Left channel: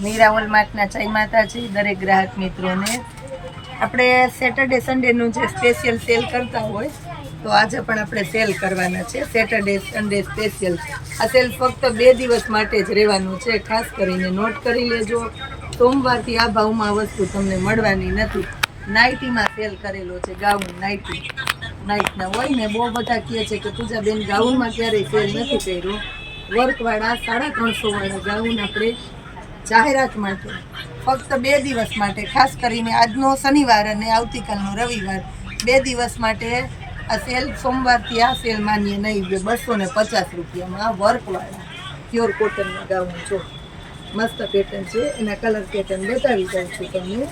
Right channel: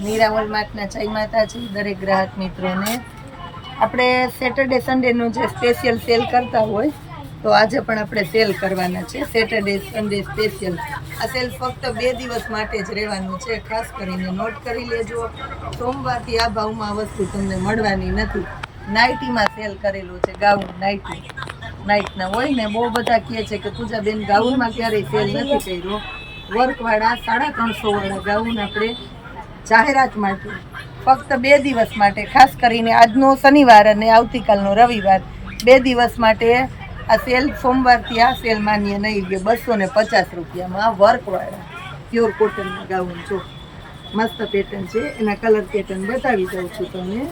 મીરા હોલમાર્કના જય માતાજી, દરેક ગ્રાહક મિત્રોને. આપણે સેટરડે સન્ડેનું જે સ્પેશિયલ સેલ કરતા હોય, તો આજે પણ આપણે સેલ કરવાના છે. સેટરડે સન્ડે સ્પેશિયલ આ સેલ ફક્ત બે દિવસ માટે જ રહેવાનું છે. ખાસ કરીને નોટ કરી લેજો. સોમવારથી આ ભાવમાં વસ્તુ તમને મળવાની નથી. નાઇટીમાં સેલ કરેલો છે, ગાઉન નાઇટી. નાઇટના હોય ને, બહુ બધા કહે છે કે પૂજાબેન ગાઉનમાં ક્યારેય સેલ નથી કર્યો. વર્કવાળા સાડા ત્રણસો વાળા ગાઉન આપણે જાહેરાત માટે ફક્ત બે દિવસ માટે, ખાસ કરીને આજનો શનિવાર અને આવતીકાલનો રવિવાર, બે દિવસ માટે આ સેલ સોમવારથી આ સેલ માન્ય નહીં કે બસો ને પચાસ રૂપિયામાં આ વર્કવાળા પ્યોર કોટનમાં ગાઉન જો મસ્ત પેટર્ન છે, એના કલર પેટર્ન બતાવી દઉં છું તમને.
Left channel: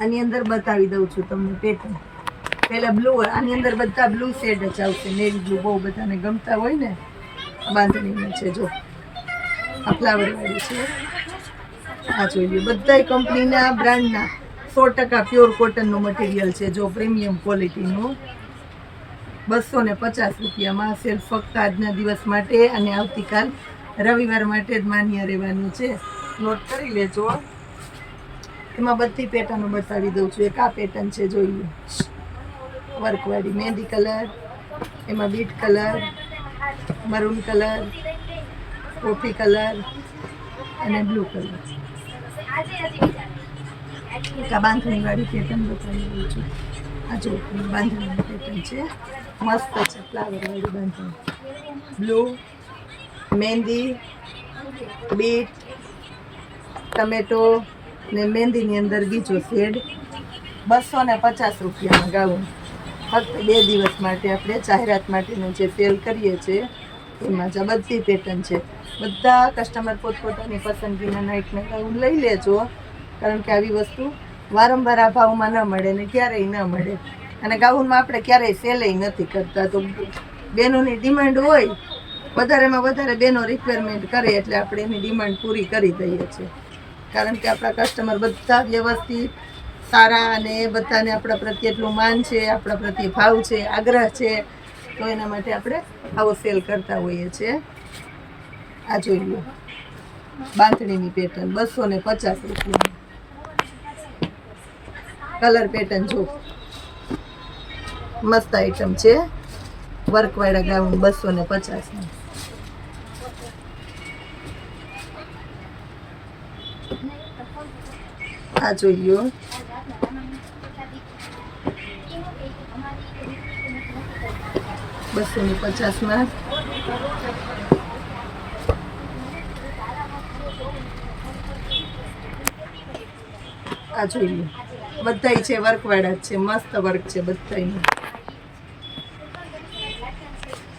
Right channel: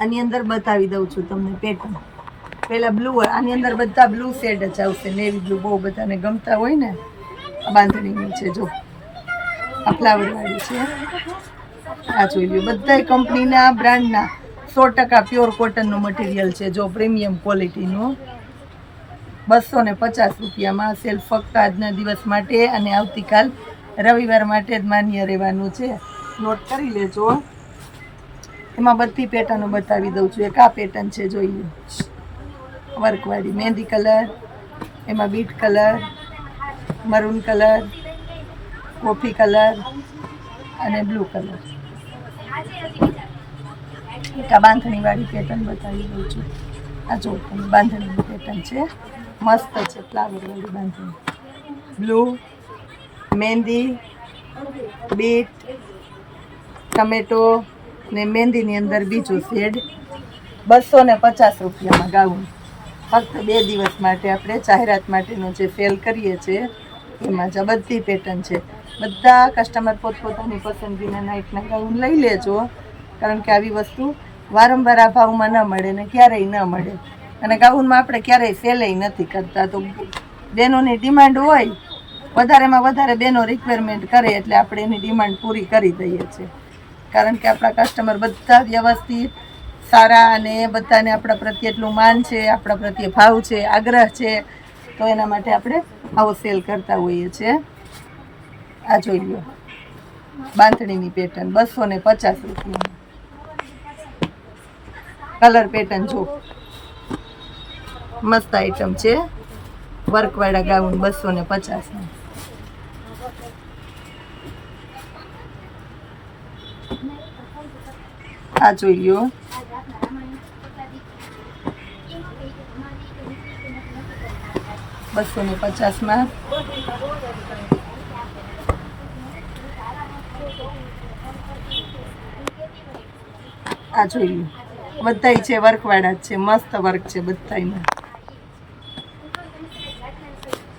આની અંદર બતાવી દઉં છું તમને પેટર્ન પેલા બ્લુ આની અંદર બધા બ્લુ શેડ જ આવશે નેવી બ્લુ બહુ બધાને ગમતા હોય ને, આ બાંધણીમાં છે, જો. આ ફ્લાવરવાળી છે. આ જોઈ લ્યો. બધા કંપનીના બ્રાન્ડના સો ટકા પ્યોર કોટનનું મટીરિયલ છે, જો પ્રીમિયમ ક્વોલિટીનું બસો ને પચાસ રૂપિયામાં સેલ ફક્ત આજના દિવસ માટે અને આવતીકાલ રવિવાર માટે જ માન્ય રહેવાનું છે. નોટ કરી લેજો. એમાં બધી પેટર્નો બતાવી દઉં છું. એક આ પેટર્ન છે જોઈએ વર્કવાળી મહેંદી કલર, એમાં beet colour, maroon colour, coffee colour અને બ્લુ કલર. એક આ બાંધણીવાળી પેટર્ન બતાવી દઉં છું. આ જો બાંધણીની પેટર્ન છે. મસ્ત છે ફ્લાવરવાળી બાંધણી. બ્લુ, મહેંદી, બીટ, ટમેટો ને મહેંદીની અંદર બીજો શેડ બસો ને પચાસ રૂપિયામાં ગાઉન. ફક્ત બે દિવસ માટે આપણે જાહેરાત માટેનું જે સેલ કરીએ છીએ, એમાં જ બધી પેટર્ન છે. બધા કસ્ટમર પોતપોતાની પસંદગીના નાઇટના ગાઉન લઈ લેજો, કારણ કે આવી વસ્તુ વારંવાર આ ભાવમાં ન મળે ને ક્યારેય ન મળે. અને ગાઉનમાં આપણે ક્યારેય સેલેય નથી કરતા. તો બહેનોની ડિમાન્ડ હોય, વધારેમાં વધારે બહેનો રિક્વાયરમેન્ટ કરે એટલે આપણે એની ડિમાન્ડ પૂરી કરી દઈએ છીએ. કારણ કે આપણા કસ્ટમર બધા વ્યવસ્થિત સારા અને એ બધાને આપણા પ્રત્યે એટલું માન છે, આપણા પ્રત્યે ભાવ છે, આગ્રહ છે, તો એના માટે આપણે આવો સેલ કરતા હોઈએ છીએ. આ જોઈ લો. બાંધણીની પેટર્ન બસો ને પચાસ રૂપિયા કલર પેટર્ન જો. મસ્ત આઈટમ છે. વર્કવાળા ગાઉન બસો ને પચાસની. આ જોઈ લો. બસો ને પચાસમાં આ જોઈ લો. બધાય છે વર્કવાળા જ છે, મસ્ત વર્ક છે બધાયનું.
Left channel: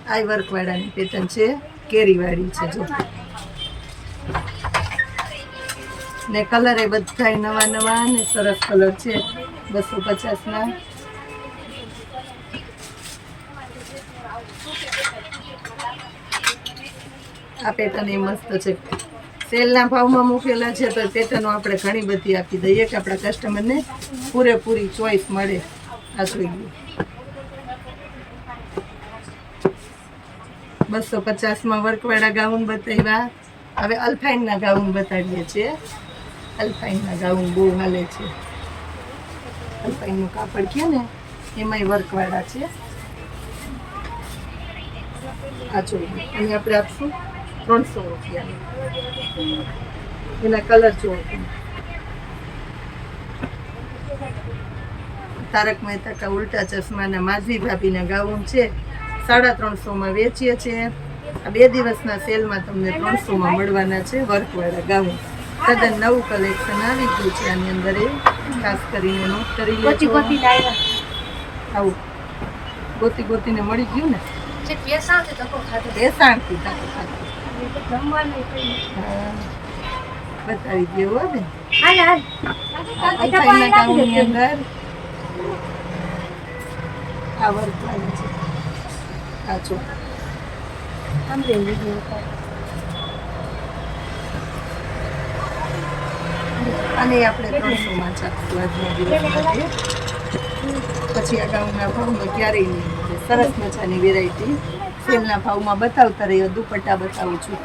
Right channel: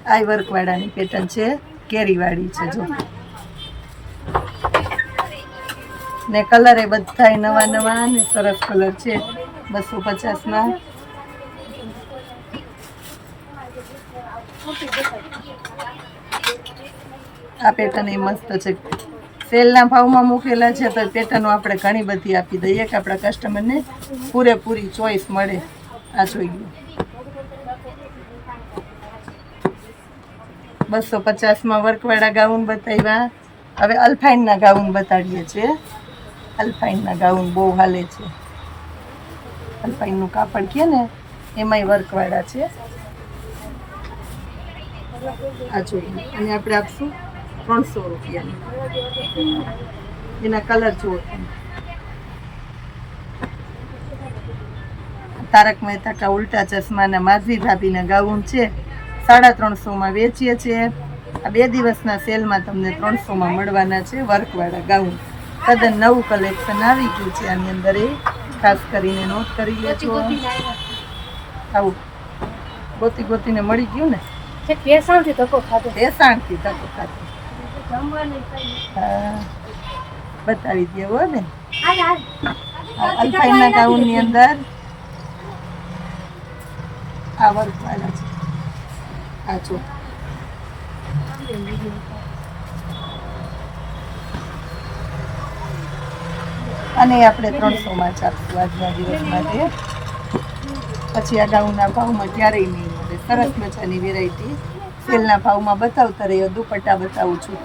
આ વર્કવાળાની પેટર્ન છે કેરીવાળી છે, જો. ને કલર એ બધા નવા નવા ને સરસ કલર છે. બસો પચાસમાં આ પેટર્ન એ મસ્ત છે. સેલના ભાવમાં મૂકેલા છે, તો પેટર્નો આપણે ઘણી બધી આપી દઈએ કે આપણા કસ્ટમરને પૂરેપૂરી ચોઈસ મળે. આ જોઈ ગયું બસો પચાસમાં વર્કવાળા ગાઉન બતાવ્યા. હવે અલ્ફાઇનના ગાઉન બતાવીએ છીએ. અલ્ફાઇનના ગાઉન બહુ હાલે છે. અલ્ફાઇનનું કાપડ કહે ને, એમાંય વર્કવાળા છે. આ જોઈએ અને આપણે આપશું ત્રણસો રૂપિયાની. એના કલર જુઓ તારક મહેતા કા ઉલ્ટા ચશ્માના માધવી ભાભીના ગાઉન છે. સાડા ત્રણસોમાં વેચીએ છીએ. આ બે દિવસના સેલમાં તમને ત્રણસોમાં મળવાના છે વર્કવાળા ગાઉન. તદ્દન નવું કલેક્શન આવી ગયું છે આની અંદર એ ખાસ કરીને નોટ કરી લેજો. આવું. ગોતી ગોતીને મળી ગયું ને? ધક્કો ખાધો. જમવાનું કઈ બતાવી દે ને. હાલ ગાઉનની અંદર આ વર્કવાળા છે. આ જો. અને આપણે ત્રણસોમાં જ આપશું આજના દિવસ માટે. પછી આ ગાઉનના ભાવમાં ક્યારેય નહીં મળે. સરસ મજાની વેરાયટી સેલના ભાવમાં બતાવતા રહ્યો દુપટ્ટા બતાવું છું.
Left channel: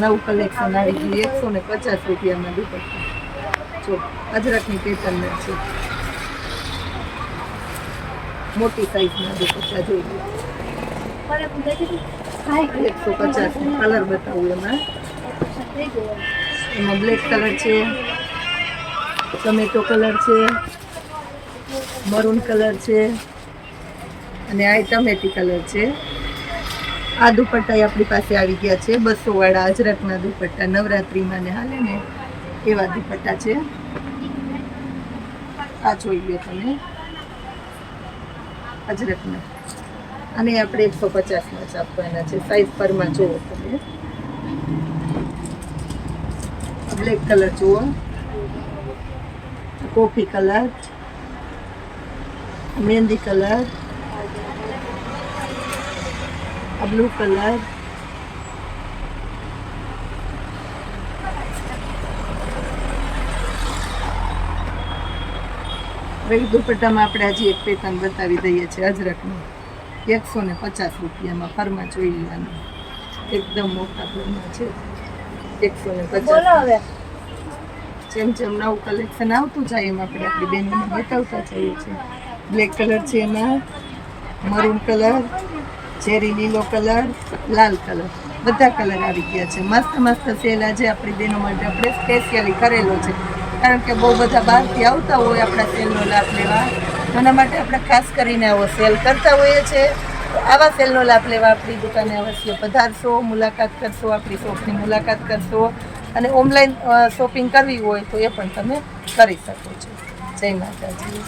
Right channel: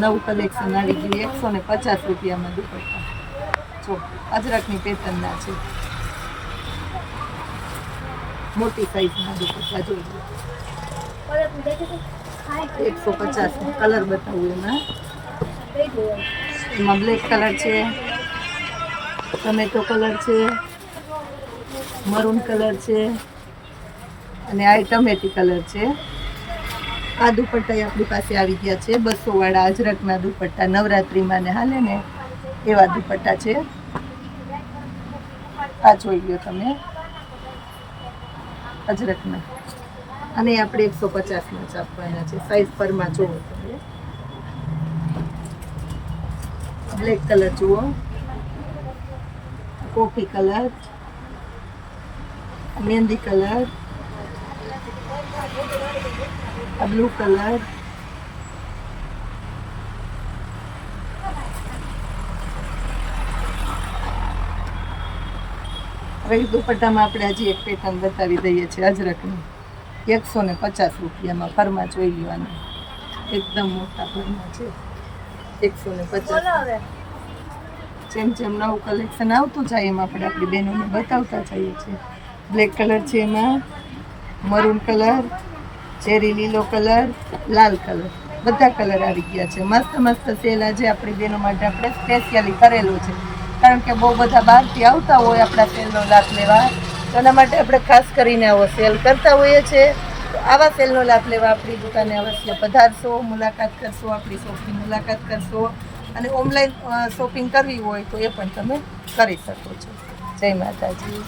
નવું કલેક્શન આવી ગયું. એકસો ને પચાસ રૂપિયામાં દુપટ્ટા. જો, અજરકની પેટર્નના છે. મોટી સાઈઝના દુપટ્ટા જોઈ લો. પરત હું દઈ દીધું એકસો પચાસ કલર બતાવું એમાં. એમાં બ્લેક કલર છે. ટમેટો કલર છે, મરૂન કલર છે અને આ ટમેટી કલર છે. આ દુપટ્ટા આપણી પાસે આવી ગયા છે. બસો વાળા અજરકના દુપટ્ટા, નવરાત્રિમાં ને હાલે ને એવા દુપટ્ટા છે. આ જોઈ લો તમે. અજરકના. અને આપણે એકસો પચાસમાં જ આપવાના છે. સાઈઝ પરમાં જુઓ તમે. બ્લેક કલર જુઓ. કોફી કલર, મહેંદી કલર આ બ્લુ કલર. ઈ દુપટ્ટામાં આપણે હજી એક પેટર્ન બતાવી દઈએ છીએ અજરકની. એકસો ને પચાસ રૂપિયામાં ફરમાં જોઈ લેવાનું. એકદમ મોટા ફરમાં છે. એકસો ને પચાસ. જેમ જેમ નવું કલેક્શન આવતું જાય એમ આપણે આપણી બહેનોને બતાવતા જઈએ છીએ. બ્લેક કલર છે એમાં મરૂન કલર ચેરી લીલો કલર લાલ કલર બધા કલર આવી ગયા છે. મસ્ત મસ્ત સેલ આજે આપણી બહેનો માટે આપણે સ્પેશિયલી કરેલો છે. કારણ કે બહુ બધા બહારથી આવતા હોય આપણા સેલનો લાભ લેવા. એના માટે આપણે ખાસ કરીને આવો સેલ કરતા હોઈએ છીએ. તો આવા સેલનો લાભ લેવા આપણી દુકાને અવશ્ય પધારશો, મુલાકાત કરશો, આપણી શોપની મુલાકાત કરશો. અને ઓનલાઈન શોપિંગ કરવી હોય તો એ પણ તમે કરી શકો છો. જય માતાજી.